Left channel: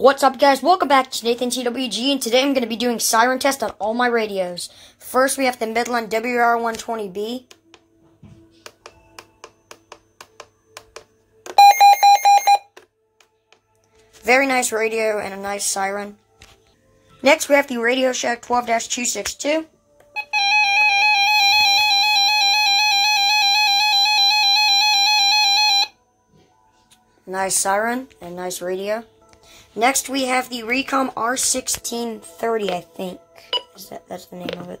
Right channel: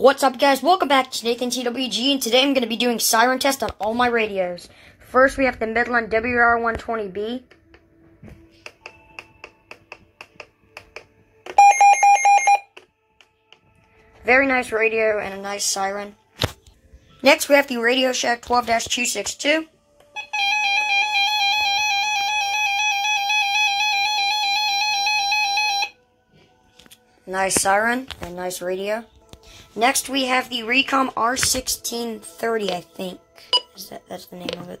What's up, guys? Welcome back to Nathan TWG, and today I'm going to be doing siren test on all my radios. First, we have the Midland WR120B. Very nice radio and a nice siren. Next, we have the Radio Shack 12-262. Nice siren and nice radio. Next, we have the Recom R1630, I think. That's the name of it.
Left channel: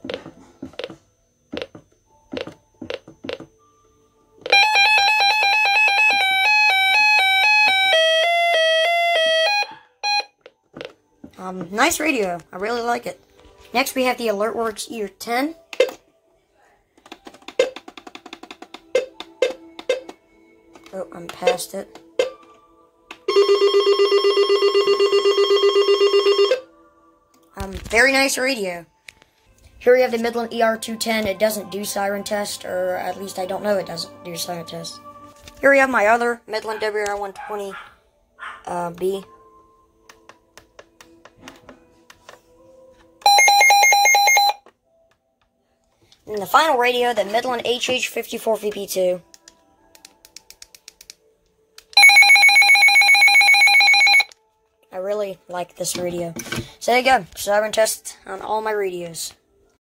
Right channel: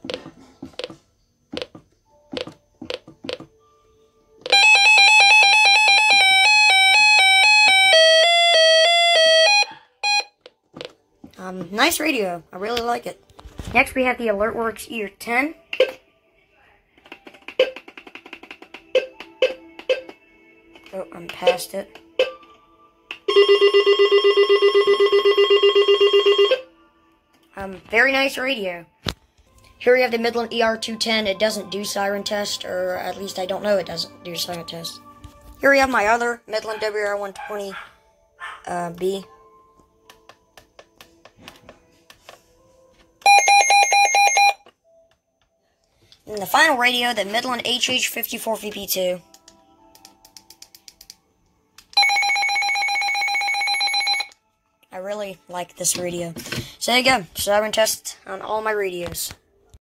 Nice radio. I really like it. Next, we have the AlertWorks Ear 10. Oh, I'm past it. Very nice radio. Here we have the Midland ER210. It doesn't do siren test, or at least I don't know it doesn't do siren test. Here we have my other Midland WR120B. And the final radio, the Midland HH54VP2. I really like this radio. So there you go, siren test on all my radios.